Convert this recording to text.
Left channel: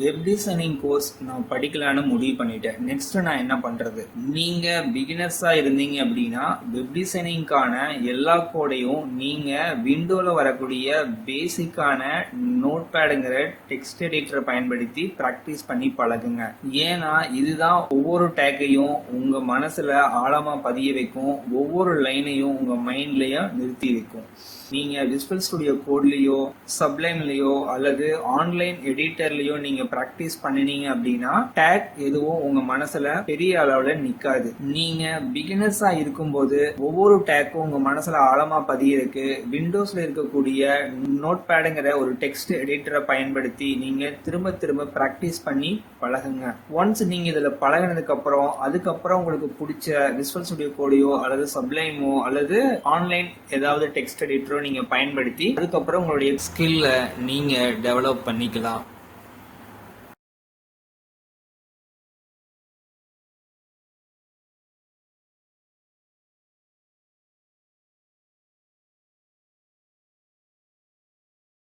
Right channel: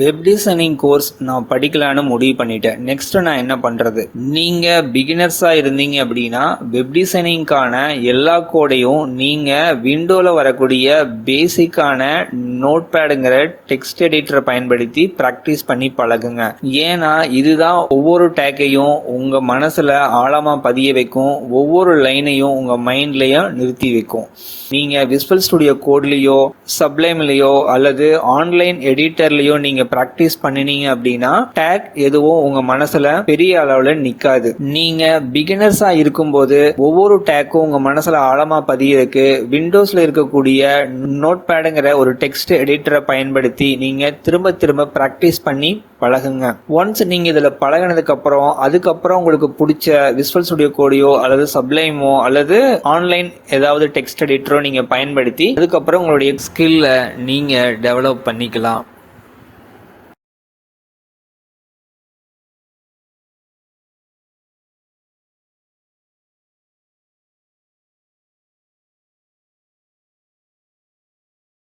Web designing course நான் படிக்கலான்னு முடிவு பண்ணிட்டேன். நெக்ஸ்ட் நான் என்ன பண்றது? நீங்க பிகினர்ஸா இருந்தீங்க அப்படின்னா வெப் டிசைனிங்கான எல்லா கோடையும் நீங்க விண்டோல வரக்கூடிய பேசிக்கான நோட் பேடுங்கிற டெக்ஸ்ட் எடிட்டரை பயன்படுத்தி பிராக்டிஸ் பண்ணி பழகுங்க. ஏன்னா இதுதான் ஒவ்வொரு டேக்கையும் உங்க மனசுல ஆழமா பதிய வைக்கும், ஒவ்வொரு லைனையும் உங்க மைண்ட்லயும் நிறுத்தி வைக்கும். நீங்க விசுவல் ஸ்டுடியோ கோட்லயோ சப்ளைம்லயோ அல்லது ஆன்லைன் எடிட்டர்லயோ நீங்க பிராக்டிஸ் பண்ணினீங்க அப்படின்னா டேக் எதுவும் உங்க மனசுல பெரிய அளவுல நிக்காது. நீங்க பிகினர்ஸா இருக்கும்போது ஒவ்வொரு டேக்கும் உங்க மனசுல ஆழமா பதியிருக்கு. விண்டோஸ்ல இருக்கக்கூடிய நோட் பேடுங்கிற ஒரு டெக்ஸ்ட் எடிட்டரை பயன்படுத்தி நீங்க திரும்ப திரும்ப பிராக்டிஸ் பண்ணி பழகுங்க. ஒன்ஸ் நீங்க இதுல பழகினதுக்கு அப்புறம் அதுக்கப்புறம் உங்களுக்கு பிடிச்ச விசுவல் ஸ்டுடியோ கோடையோ அல்லது சப்ளைமோ அல்லது ஆன்லைன் ஏதாவது டெக்ஸ்ட் எடிட்டரோ நீங்க பயன்படுத்தி அதுக்கப்புறம் உங்களுடைய ஸ்கில்ல நீங்க டெவலப் பண்ணிக்கலாம்.